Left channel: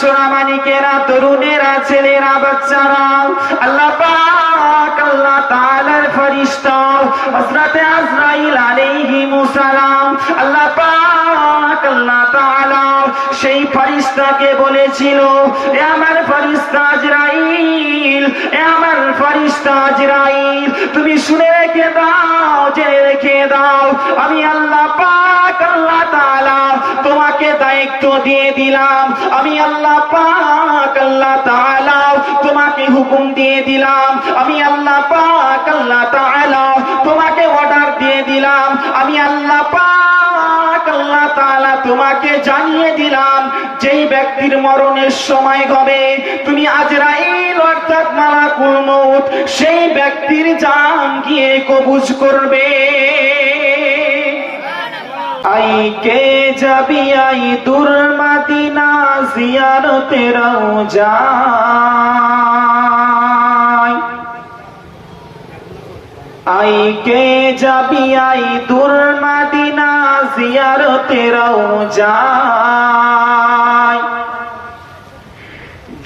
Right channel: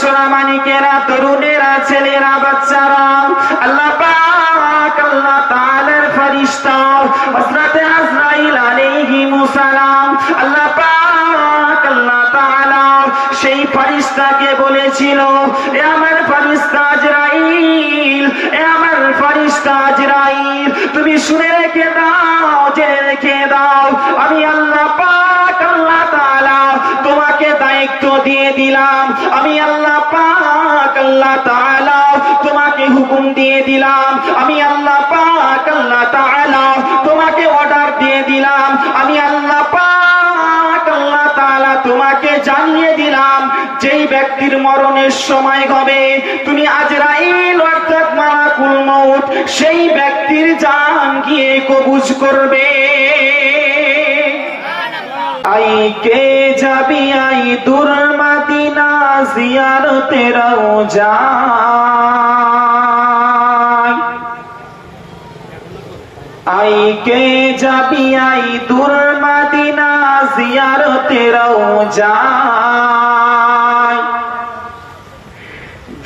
সোনামানিকেরা, তরুণেরা, ছেলেরা, বাচ্চারা, আল্লাহ পাক আল্লাহ তাআলার ফেরেশতা হযরত আজরাইল আলাইহিস সালাম, আল্লাহ পাক আল্লাহ তাআলা সেই ফেরেশতাকে বলেছিল, এ আমার ফেরেশতা আজরাইল, এ আমার ফেরেশতা আজরাইল, তুমি শুনে রেখে দাও, জেনে রেখে দাও, আমি আল্লাহ পাক আল্লাহ তাআলা তোমাকে দায়িত্ব দিয়ে দিলাম, আমি আল্লাহ পাক আল্লাহ তাআলা তোমাকে হুকুম দিয়ে দিলাম, আমি আল্লাহ পাক আল্লাহ তাআলা তোমাকে অর্ডার দিয়ে দিলাম, আমি আল্লাহ পাক আল্লাহ তাআলা তোমাকে জানিয়ে দিলাম, যেই ব্যক্তির মরণের সময় হবে তুমি আজরাইল অর্থাৎ মালাকুল মউত সেই ব্যক্তির জান গিয়ে কবজ করবে। আই কে যাবি আই দূর মদিনা জিয়ারতে রওজা, আই কে যাবি আই দূর মদিনা জিয়ারতে রওজা,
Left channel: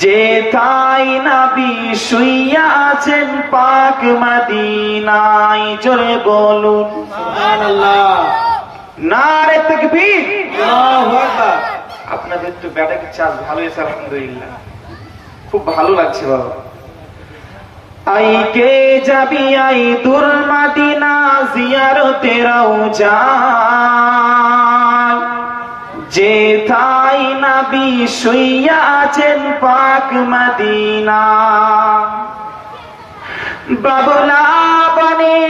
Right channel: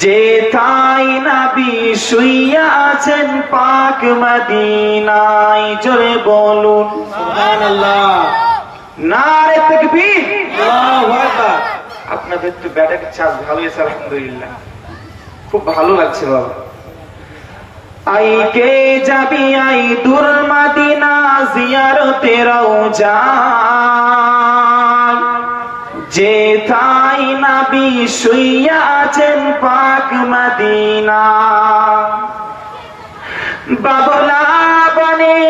যেথায় নবী শুইয়া আছেন পাক মদিনায়, জোরে বলুন সুবহানাল্লাহ, নারে তাকবীর, আল্লাহু আকবার। আপনাদের তো ব্যাটারি চার্জ ভালো হয়েছে আলহামদুলিল্লাহ, খুব ভালো লাগছে বাবা। আই কে যাবি আই দূর মদিনা জিয়ারতে রওজা, যেথায় নবী শুইয়া আছেন পাক মদিনা, বাবলা বনে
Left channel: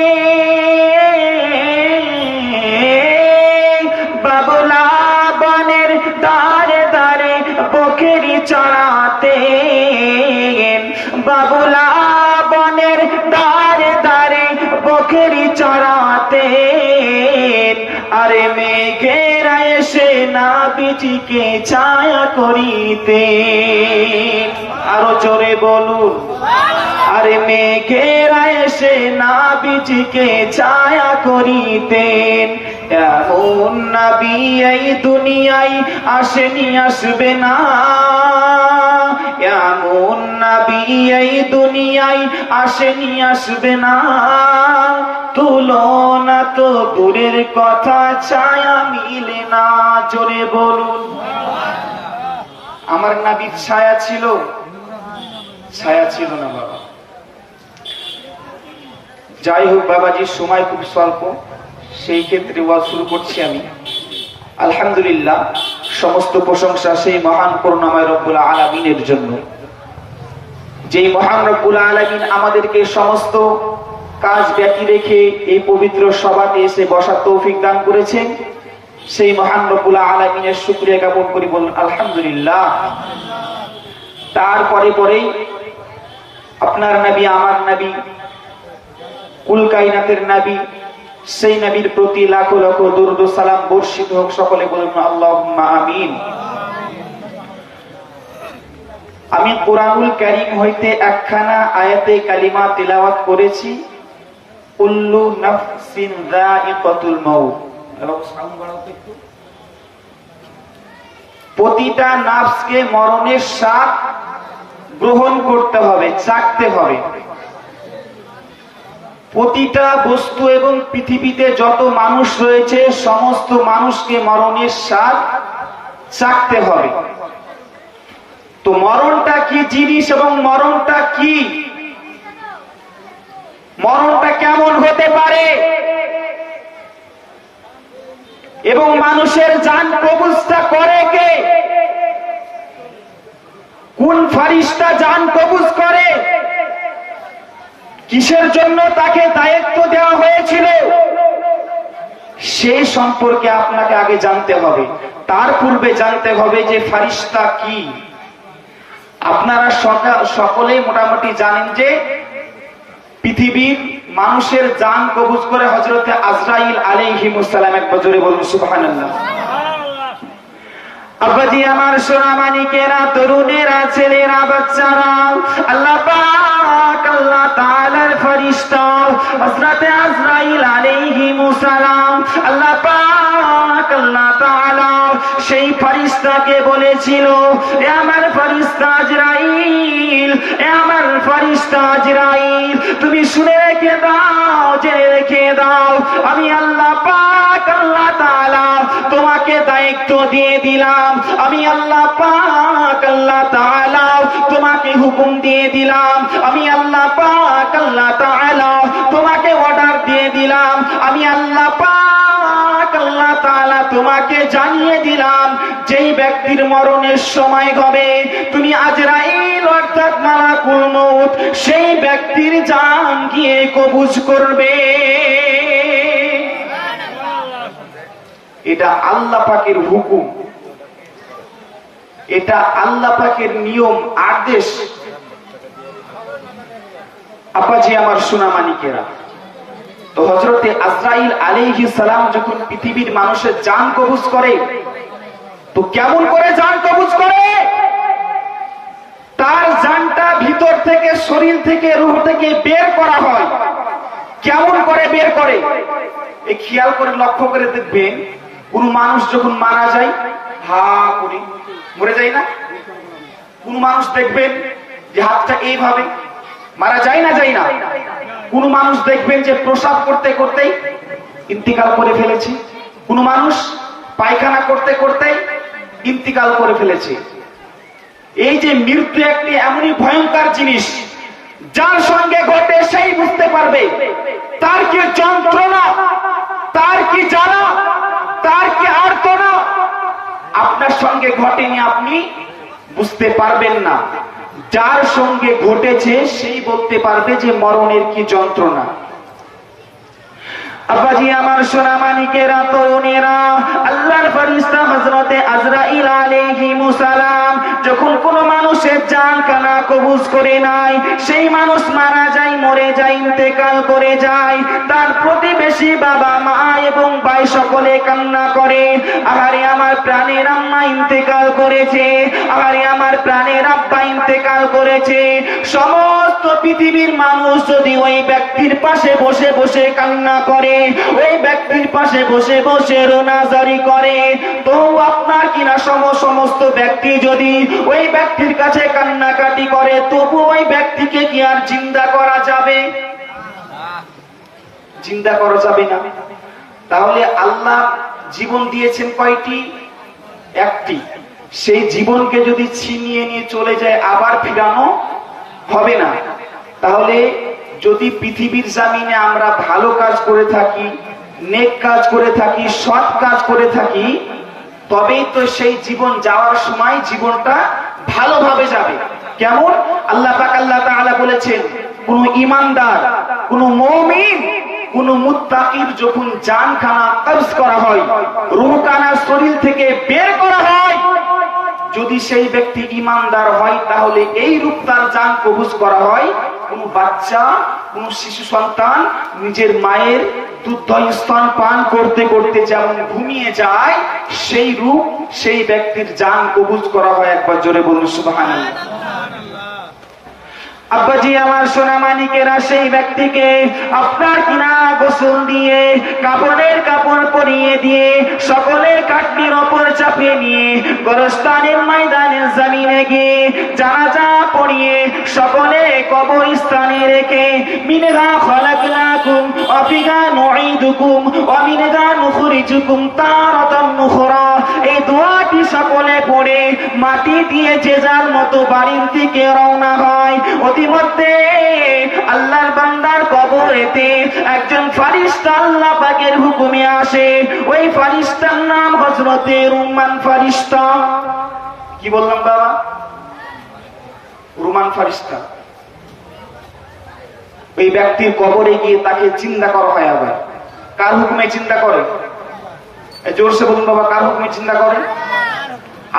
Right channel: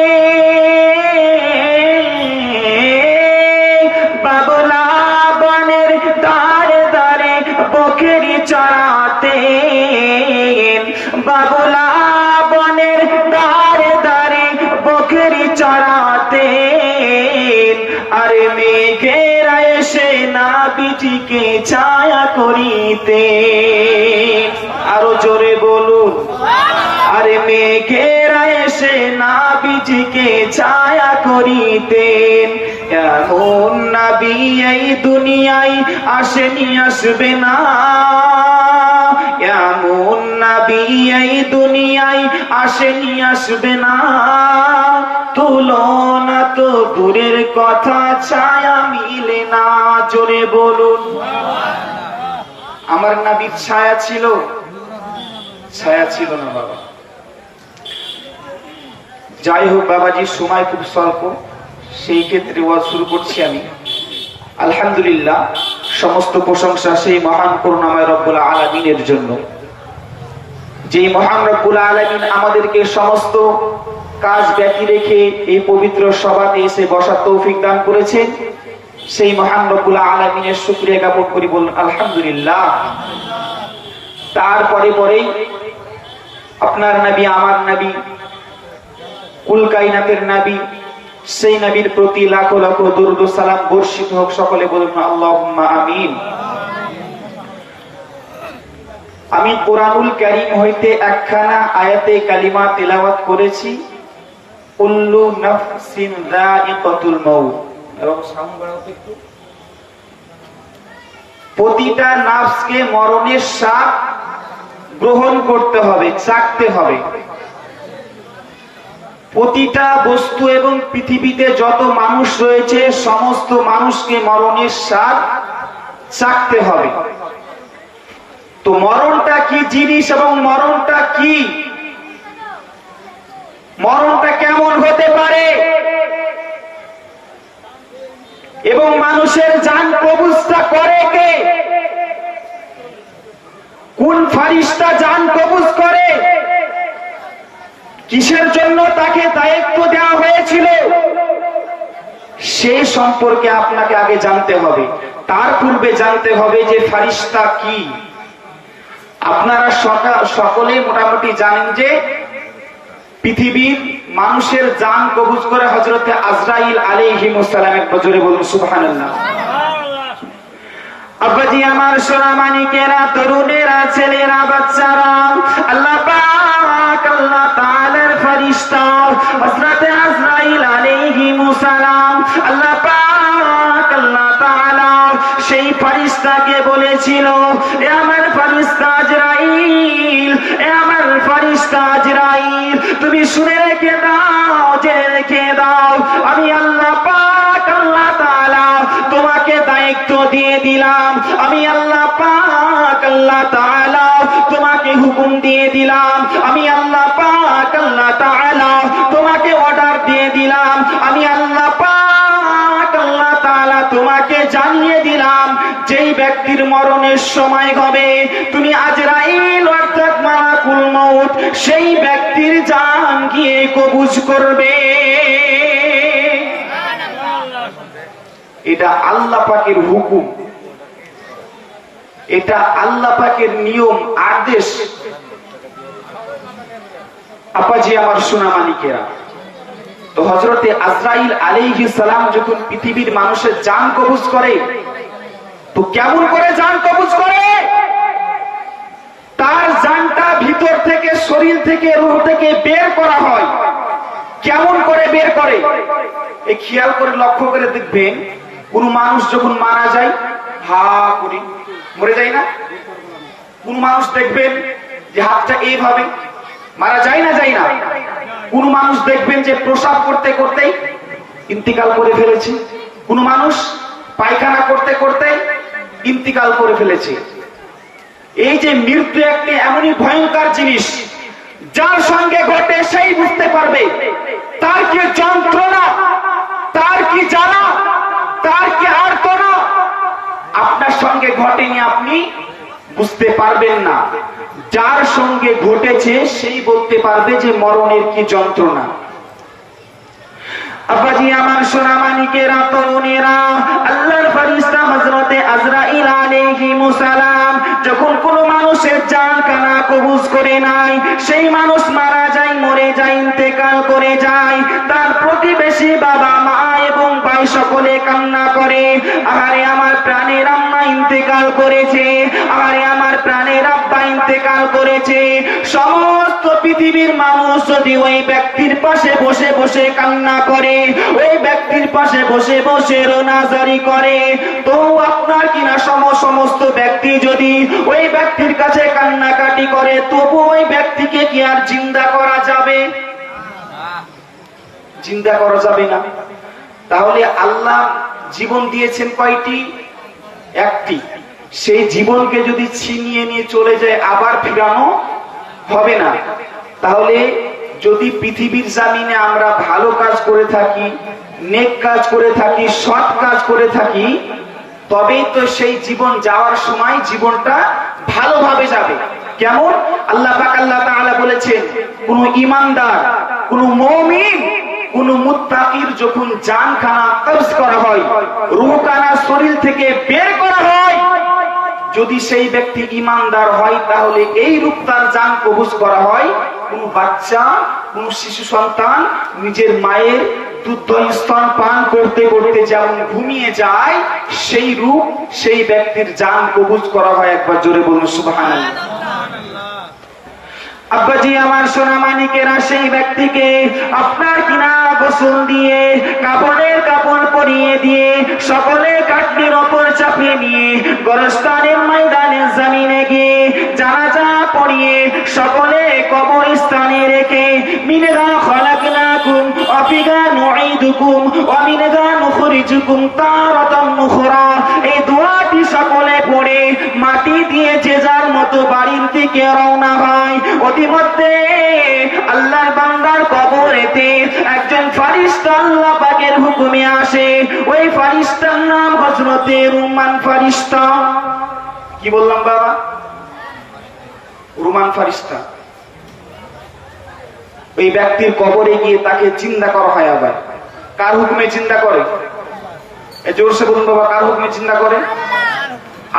বাবলা বনের দারে দারে বকরি চরাতে, বাবলা বনের দারে দারে বকরি চরাতে, আরে মেঘেরা এসে নাবিটিকে ছায়া করিতে, আরো জোরে বলুন, আরে মেঘেরা এসে নাবিটিকে ছায়া করিতেন, এমন নবী এই দুনিয়ায় আসেনি, আসবে না, এমন নবী এই দুনিয়ায় আসেনি, আসবে না, তুলনা তো দূরের কথা ছায়া মিলে না, জোরে বলুন। আমার নবীর ছায়া ছিল? ছায়া ছিল না বাবা। যাই হোক বাবাজি, সময় খুব স্বল্প, সেই ক্ষেত্রে ওয়াজ শুরু করছি আমি। আলহামদুলিল্লাহ, সমস্ত প্রশংসা সেই মহান করুণাময় রব্বুল আলামিনের জন্য, যেই মহান রব্বুল আলামিন আমাদেরকে সমস্ত কাজ বাকি রেখে এই পবিত্র সভাতে এসে বসার তৌফিক দান করেছেন। সেই মহান রব্বুল আলামিনের শুকরিয়া জ্ঞাপন করি, বলুন আলহামদুলিল্লাহ। তারপরে পরেই আপনার নবী, আমার নবী, কুল কায়নাতের নবী, সেই নবীর প্রতি লাখো লাখো দরুদ ও সালাম বর্ষিত হোক, সকলে বলুন আল্লাহুম্মা আমিন। আমি কুরআনুল কারীম হইতে একখানা আয়াতে কালিমা তিলাওয়াত করেছি, কুল্লু নাফসিন যায়িকাতুল মাউত, এবং সাউন্ড বাড়াও তো একটু। প্রতিটা নাফসকে মরণের স্বাদ গ্রহণ করতে হবে, চাখতে হবে। প্রতিটা বস্তু এবং পৃথিবীতে যত মানুষ রয়েছে সমস্ত মানুষকে মরণের স্বাদ চাখতে হবে। তো মরণটা কি জিনিস এবং মরণটা কি, মরণটা কেমন হতে পারে, এবং মানুষের জান কবজটা করে কে, কোন ফেরেশতা জান কবজ করে, কিসের জন্য তাকে দায়িত্ব দেওয়া হয়েছিল, সেই সম্পর্কে আপনাকে আগে জানতে হবে। তার পূর্বে জানতে হবে যে ফেরেশতা কি। আপনারা সকলেই মোটামুটি জানেন যে পৃথিবীর মানুষের জান কবজ করে হযরত আজরাইল আলাইহিস সালাম। এক বজরে বলুন সুবহানাল্লাহ। আব্বাজি আমার সোনামানিকেরা, তরুণেরা, ছেলেরা, বাচ্চারা, আল্লাহ পাক পাক আল্লাহ তাআলার ফেরেশতা হযরত আজরাইল আলাইহিস সালাম আল্লাহ পাক আল্লাহ তাআলা সেই ফেরেশতাকে বলেছিল, এ আমার ফেরেশতা আজরাইল, এ আমার ফেরেশতা আজরাইল, তুমি শুনে রেখে দাও, জেনে রেখে দাও, আমি আল্লাহ পাক আল্লাহ তাআলা তোমাকে দায়িত্ব দিয়ে দিলাম, আমি আল্লাহ পাক আল্লাহ তাআলা তোমাকে হুকুম দিয়ে দিলাম, আমি আল্লাহ পাক আল্লাহ তাআলা তোমাকে অর্ডার দিয়ে দিলাম, আমি আল্লাহ পাক আল্লাহ তাআলা তোমাকে জানিয়ে দিলাম, যেই ব্যক্তির মরণের সময় হবে তুমি আজরাইল অর্থাৎ মালাকুল মউত সেই ব্যক্তির জান গিয়ে কবজ করবে। এটা আল্লাহ পাকের হুকুম, এটা আল্লাহ পাকের নিয়ম আদেশ। আপাজি আমার সোনামানিকেরা, তো হযরতে আজরাইল আলাইহিস সালাম যখন পৃথিবীর মানুষের জান কবজ করে, তো কেমন করে জান কবজ করে? তার জানটা ভিতর থেকে, শরীর থেকে, রূহ থেকে বের করা হয়। কেমন করে বের করে? এই খেয়াল করে লক্ষ্য করে দেখবেন, কোন মানুষ যখন মারা যায় হা করে মরে যায় না? কোন মানুষ দেখবেন যে হাতটা এইভাবে মারা যায় না, যায় না? কোন মানুষ দেখবেন যে প্রসাব করতে করতেই ইন্তিকাল করে ফেলেছে, কোন মানুষ পায়খানা করতে করতে ইন্তিকাল করে ফেলেছে। এই যে মৃত্যু একটি এমনই ভয়ঙ্কর জিনিস, যার সঙ্গে ঘটে সেই বুঝতে পারবে তার কি যন্ত্রণা, তার কি জানা, তার কি আর্তনা। আপনার সঙ্গে ঘটেনি, আপনি বুঝতে পারবেন না, যার সঙ্গে ঘটেছে সেই বলতে পারবে যে মরণের কি যন্ত্রণা। আব্বাজি আমার সোনামানিকেরা, তরুণেরা, আল্লাহর ফেরেশতা হযরতে আজরাইল আলাইহিস সালাম যখন কোন মানুষের জান কানা কবজ করে নাই, সেই মানুষ মারা যায়, মরে যায়, ইন্তেকাল করে যায়, তার প্রতিবেশী বাবা মা এবং ভাই সকলে কান্না করে, আরে আমার প্রাণের আম্মা ইন্তেকাল করেছে, আরে আমার প্রাণের আব্বা ইন্তেকাল করেছে। সমস্ত পৃথিবীর মানুষ যদি ওই ব্যক্তির পাশে বসে বসে কান্না করে, ওই ব্যক্তির পাশে বসে বসে রোনাজারি করে, তো আপনার কিনা সমস্ত ব্যক্তি যদি ওই ব্যক্তির কাছে কান্নাকাটি করে, তবু ওই ব্যক্তিকে কি আর জিন্দা করা যাবে? জিন্দা করা যাবে না। তাহলে আল্লাহ জীবন দিয়েছেন কয়টি? একটি। সেই জীবনকে যদি ছিনিয়ে নিয়ে চলে যায়, আবার ফিরানো হবে না। তাহলে যদি পৃথিবীর জামিনে আমরা ভালো কাজ করে থাকি, নেক কাজ করে থাকি, সৎ কাজ করে থাকি, তবেই তো সেই জীবন যাওয়ার সময় জীবনটা ভালোভাবে যাবে। কেমন? আল্লাহ পাক আল্লাহ তাআলা বলেছেন, কোন ঈমানদার, কোন মুমিন, কোন মুত্তাকির যখন জানখানা কবজ করা হয়, রূহখানা শরীর থেকে বের করা হয়, যদি সেই ব্যক্তি ঈমানদার হয়, তাহলে এই রূপ তার জান কবজ করা হয়। কোন বাচ্চা, কোন শিশু সন্তান নিজের মায়ের দুধ স্তন পান করতে করতে যেমন ঘুমিয়ে যায়, সেই রূপ সেই ব্যক্তির জান কবজ করা হয়। একবার জোরে বলুন সুবহানাল্লাহ। আব্বাজি আমার সোনামানিকেরা, সেই ব্যক্তিকে আপনার কিনা গোসল দিয়ে, কাপড়ের কাপড় পরিয়ে দিয়ে, সকলের কাটনির ওপর চাপিয়ে নিয়ে গোরস্তানের ময়দানের জমিনে গিয়ে জানাজা পড়িয়ে সকলে কবরস্থানে রেখে, মিনহা খালাকনাকুম ওয়া ফিহা নুঈদুকুম ওয়া মিনহা নুখরিজুকুম তারাতান উখরা, এই দোয়াটি সকলে পড়ে মাটি দিয়ে যে যার মতো বাড়ির দিকে রওনা হয়। ইতিমধ্যে আল্লাহর বান্দার কবরেতে একজন ফেরেশতা আল্লাহ পাকের হুকুমে আসে। ওই ফেরেশতার নাম হযরতে রুমান ফেরেশতা। কি বললাম বাবা? রুমান ফেরেশতা। ওই ব্যক্তির কবরে গিয়ে তাকে চিন্তা করা হয়। আবার কার হুকুমে চিন্তা করে? জোরসে বলুন বাবা, কার হুকুমে চিন্তা করে?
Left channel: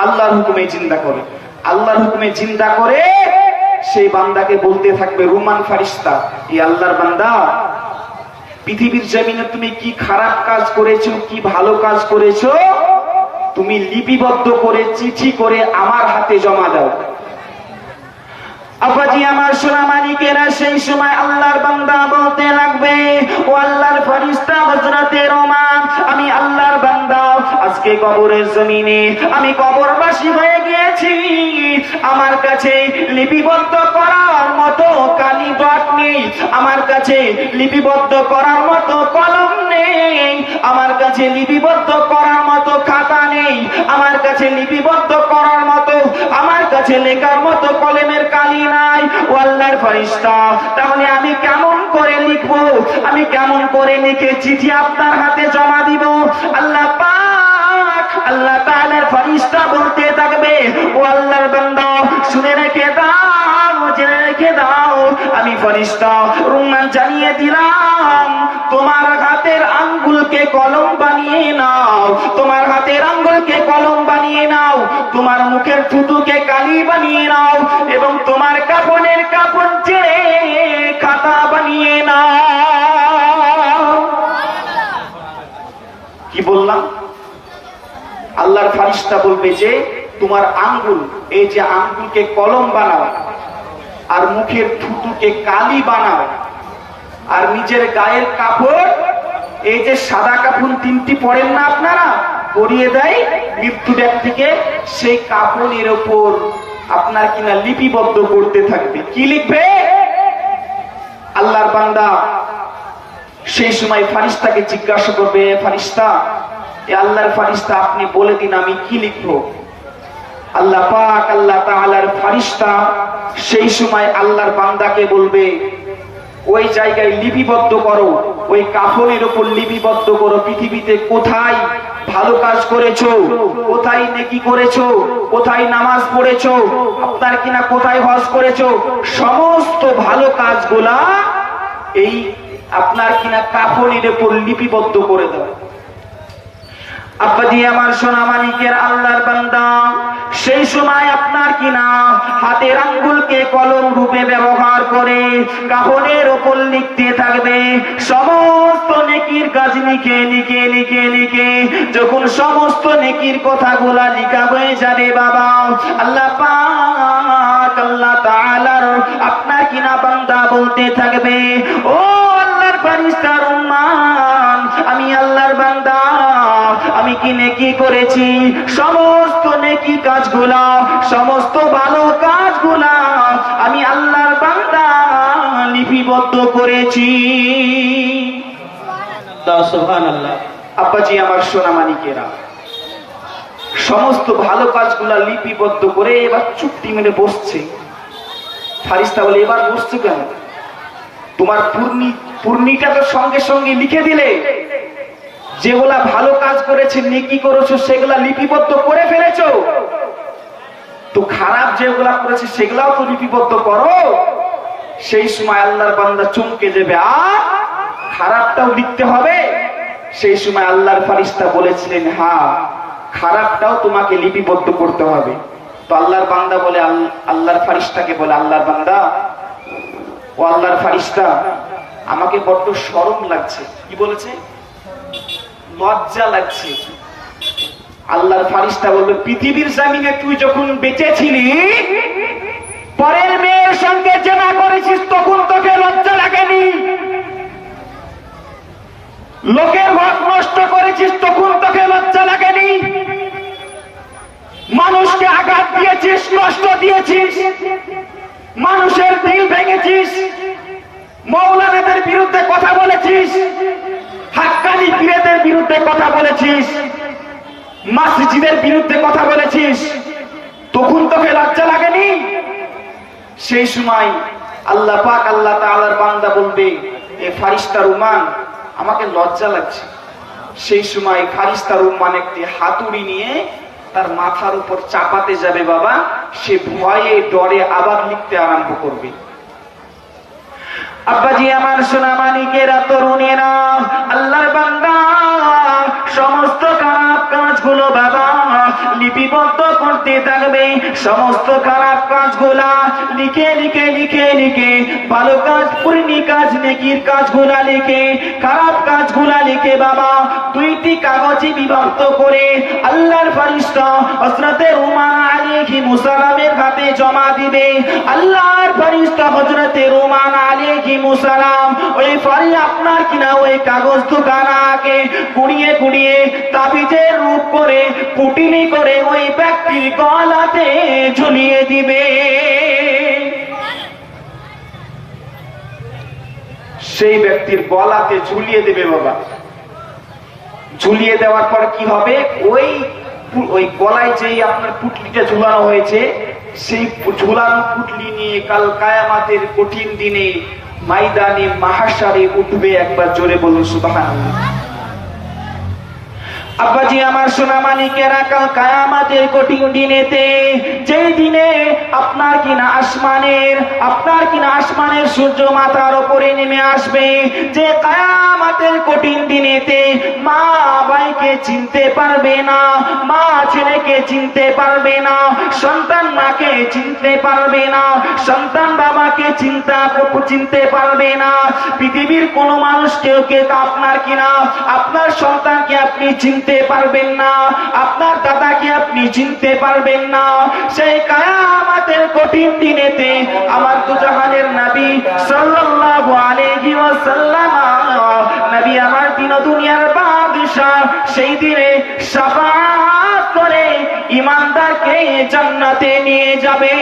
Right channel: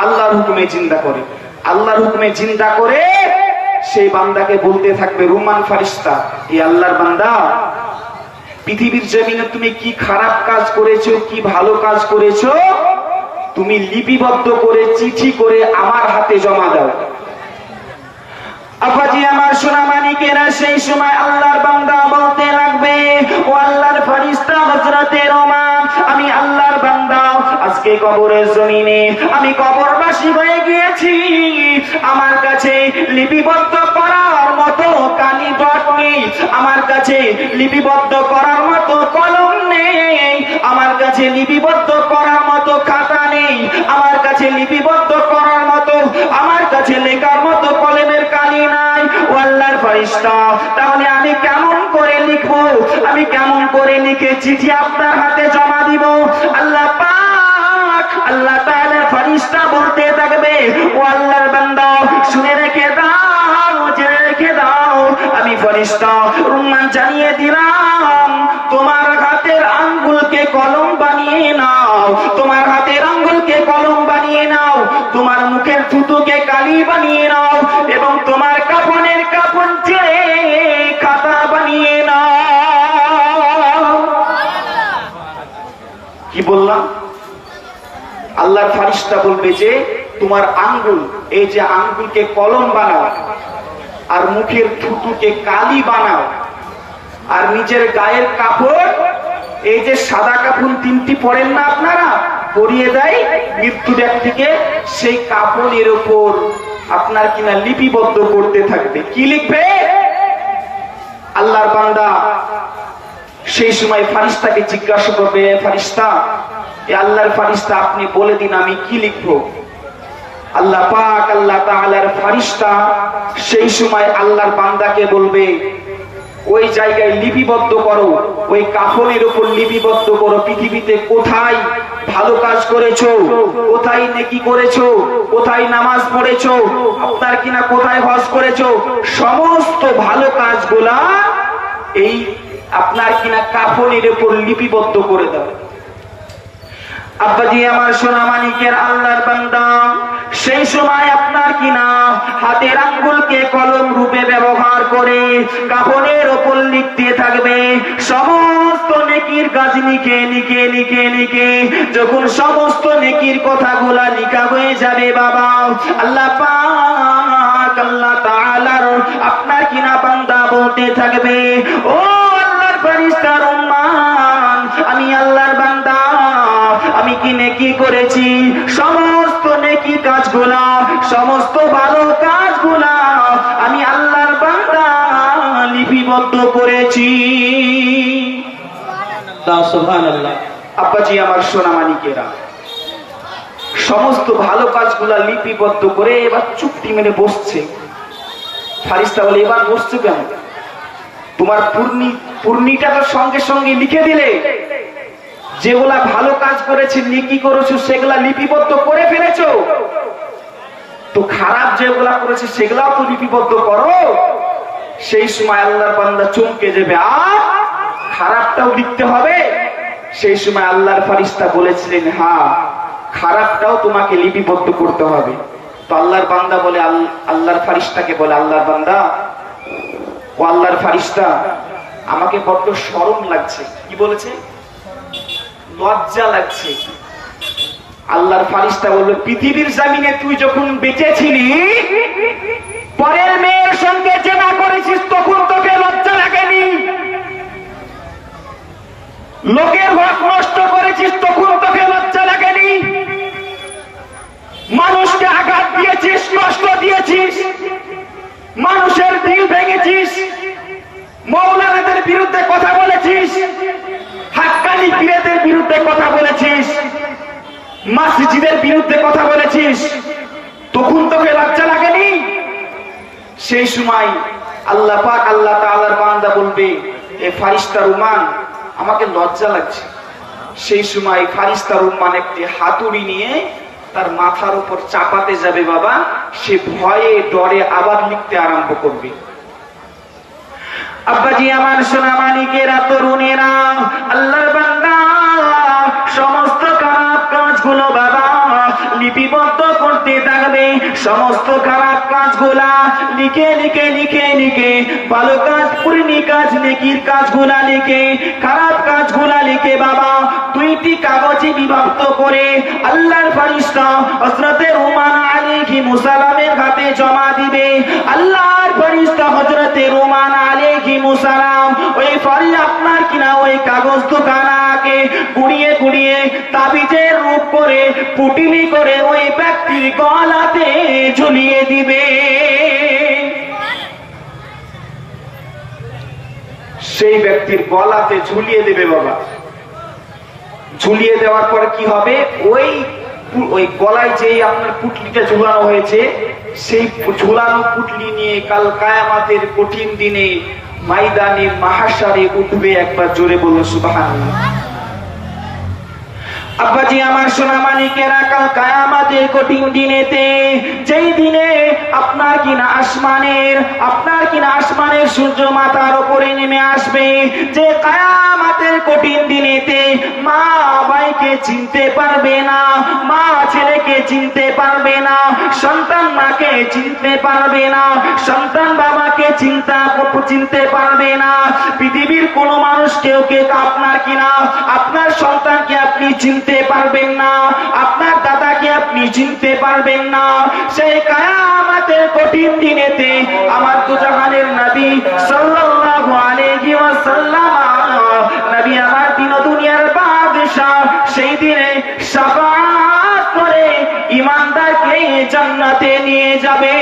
আল্লাহর হুকুমে চিন্তা করে। আল্লাহর হুকুমে চিন্তা করে সেই বান্দাকে বলতে থাকবে, রুমান ফেরেশতা, এই আল্লাহর বান্দা, পৃথিবীর জমিনে তুমি কি খারাপ কাজ করেছো, কি ভালো কাজ করেছো, তুমি লিপিবদ্ধ করে চিঠি করে আমার হাতে জমা দাও। আপাজি আমার সোনা মানিকেরা, সেই সময় আল্লাহর বান্দা বলতে লাগবে, ও আল্লাহর ফেরেশতা হযরতে ওমর, আমি আল্লাহর বান্দা আজকে কবরের জমিনে আমি কবরবাসী হয়ে গিয়েছি। আমার কাছে লিপিবদ্ধ করার মতো কালিডট নেই, আমার কাছে লিপিবদ্ধ করার মতো কলম নেই, আমার কাছে লিপিবদ্ধ করার মতো খাতা নেই, আমার কাছে লিপিবদ্ধ করার মতো, আমার কাছে লেখার মতো কলমের কালি নাই। ও আল্লাহর ফেরেশতা, তাহলে আমি কেমন করে লিখবো, আমি কেমন করে লিখে চিঠি আপনার হাতে জমা দিব? আল্লাহ পাক আল্লাহ তাআলা ফেরেশতা বলতে থাকবে, ও আল্লাহর বান্দা শুনে রেখে দাও, জেনে রেখে দাও, আমি ফেরেশতা রুমান জানিয়ে দিলাম, তোমার হাতের আঙ্গুলকে কলম বানিয়ে নাও, তোমার হাতের আঙ্গুলকে কলম বানিয়ে নাও, তোমার মুখের থুতুকে কালি বানিয়ে নাও, এবং তোমার কাফনের কাফন ছেড়ে খাতা বানিয়ে নাও। কি বললাম? আল্লাহর ফেরেশতা বলবে যে তোমার আঙ্গুল, এই যে আঙ্গুলকে কলম বানাও, আর মুখের থুতুকে কালি বানাও, আর নিজের গায়ের কাপড়, এই যে সাদা কাপড় তিনটি পরেন না আপনারা, পরিয়ে দেয় মৃত্যু ব্যক্তিকে, সেই কাপড়ের ওপর আপনার কিনা লিপিবদ্ধ করতে থাকবে। কি লিখবে? আল্লাহর বান্দা সেই সময় ফেরেশতাকে জিজ্ঞাসা করবে, ফেরেশতা, এ আল্লাহর ফেরেশতা আপনি বলে দিন আমি কি লিখবো? আল্লাহ পাক আল্লাহ তাআলার ফেরেশতা সেই সময় আল্লাহর বান্দাকে বলবে, ওই জায়গায় লিপিবদ্ধ করো, ওই কাফনের উপর লিপিবদ্ধ করো, পৃথিবীতে কোথায় ভালো কাজ করেছো, কোথায় নেকি করেছো, কোথায় নামাজ পড়েছো, আপনার কিনা কোথায় হজ করেছো, সমস্ত ভালো কাজগুলা এই আপনার কিনা কাফনের উপর লিপিবদ্ধ করে দাও। আব্বাজি আমার সোনা মানিকের, আল্লাহর বান্দা সেই সময় আপনার কিনা হাতের আঙ্গুলকে কলম রূপে ব্যবহার করে কাফনের ওপর লিখতে থাকবে সমস্ত নেকির কাজ, লিখে লিখে লিখে লিখে যখন সমস্ত নেকির কথাগুলা লিখা হয়ে যাবে বাবা, আল্লাহ পাক আল্লাহ তাআলার আপনার কিনা বান্দা বলতে থাকবে, ও আল্লাহর ফেরেশতার উম্মত, আমি আল্লাহর বান্দা আমি কি নেকি করেছি, সমস্ত নেকি কাজগুলা, সমস্ত ভালো কাজগুলা আমি আল্লাহর বান্দা লিপিবদ্ধ করেছি। সুবহানাল্লাহ। আব্বাজি আমার সোনা মানিকেরা, সমস্ত ভালো কাজগুলা লিপিবদ্ধ করে এবার চুপটি মেরে বসছে। ফেরেশতা বলে, এবার বসছো কেন? তোমার পূর্ণিটা তো সঙ্গে সঙ্গে লিখে দিলে, যেগুলা ভালো কাজ করেছে, নেকি করেছো, সেগুলা লিপিবদ্ধ করে ফেলেছো, তো খারাপ যেগুলা করেছে সেগুলাও তো লিপিবদ্ধ করো। সেই সময় আল্লাহর বান্দা চমকে যাবে, আর খারাপটাও লিখতে হবে? সেই সময় আল্লাহর ফেরেশতা বলেছিলেন, হ্যাঁ খারাপটাও তোমাকে লিপিবদ্ধ করতে হবে। তো আল্লাহর বান্দা বলে, আল্লাহর ফেরেশতাকে বলে, আল্লাহর বান্দা, ও আল্লাহর ফেরেশতা, আমাকে বড্ড শরম লাগছে। কি বলেছে? লজ্জা লাগছে। আল্লাহর ফেরেশতা বলল, পৃথিবীর জমিনে তুই যখন বেঁচে ছিলি, পরের মেয়ের সঙ্গে জেনা করেছিস, তখন তোকে লজ্জা লাগেনি? লোকের হক নষ্ট করেছিস, তখন তোকে লজ্জা লাগেনি? মানুষকে আঘাত দিয়েছিস, কষ্ট দিয়েছিস, মানুষের দিল ভেঙেছিস, মওলানাদের বিরুদ্ধে কথা বলেছিস, হাক্কানি পীরদের বিরুদ্ধে কথা বলেছিস, মসজিদের বিরুদ্ধে কথা বলেছিস, তখন তোকে লজ্জা লাগেনি? সেই সময় আল্লাহ পাক আল্লাহ তাআলার বান্দা বলবে, এ ফেরেশতার উম্মান, আমাকে লজ্জা লাগছে। সেই সময় ফেরেশতার উম্মান একটি হাতুড়ি নিয়ে তার মাথার উপর চাপাতে যাবে বাবা, সে ভয়ে ডরে আবার লিখতে আরম্ভ করবে। আব্বাজি আমার সোনা মানিকেরা, তরুণেরা, আল্লাহর বান্দা সমস্ত খারাপ কাজগুলো বাবা লিপিবদ্ধ করতে থাকবে, সমস্ত খারাপ কাজগুলা লিখে লিখে লিখে লিখে, ভালো কাজ, পুরনি কাজ, নেকির কাজগুলা লিখে, খারাপ কাজগুলা লিখে বাবা দুইটি কাগজে বিভক্ত করে আল্লাহর ফেরেশতা হযরতে ওমর আলাইহিস সালামের হাতে জমা দিবে। আল্লাহর ফেরেশতা হযরতে রুমান আলাইহিস সালাম ওই ফরিদ আপনার কিনা ওই কাগজ দুখানাকে কুড়িয়ে কুড়িয়ে তাবিজের রূপ করে পুটিনি করে ওই ব্যক্তির গলাতে ঝুলিয়ে দিবে। সেই ব্যক্তির গলাতে ঝুলিয়ে দেবে বাবা। ঝুলিয়ে দেওয়ার পর কি হবে, ওই গলায় যেই আপনার পুটলিটা ঝুলানো হয়েছে সেই ঝুলানো পুটলি নিয়ে কাল কিয়ামতের কঠিন দিনে ময়দানে মাহশারে উঠবে। একবার জোরে বলুন সুবহানাল্লাহ। আব্বাজি আমার সোনা মানিকেরা, কাল কিয়ামতের কঠিন দিনেতে, যেই দিনে আপনার কিনা আসমানের সূর্য মাথার উপরে নেমে আসবে, যে কিয়ামতের কঠিন দিনেতে মা ভাইকে চিনতে পারবে না, মা ছেলেকে চিনতে পারবে না, সন্তান মাকে চিনতে পারবে না, সন্তান বাবাকে চিনতে পারবে না। পৃথিবীর কোন মানুষ কেউ আপনার কিনা আপনার সন্তানকে আপনি চিনতে পারবেন না, আপনার দাদাকে আপনি চিনতে পারবেন না। সেই কিয়ামতের কঠিন দিনেতে আমার দুজাহানের নবী সাল্লাল্লাহু আলাইহি ওয়াসাল্লাম, নবী আমার দিন দুনিয়ার বাদশা, সেই দিনে শাফাআত করে ঈমানদারকে জান্নাতে নিয়ে যাবে।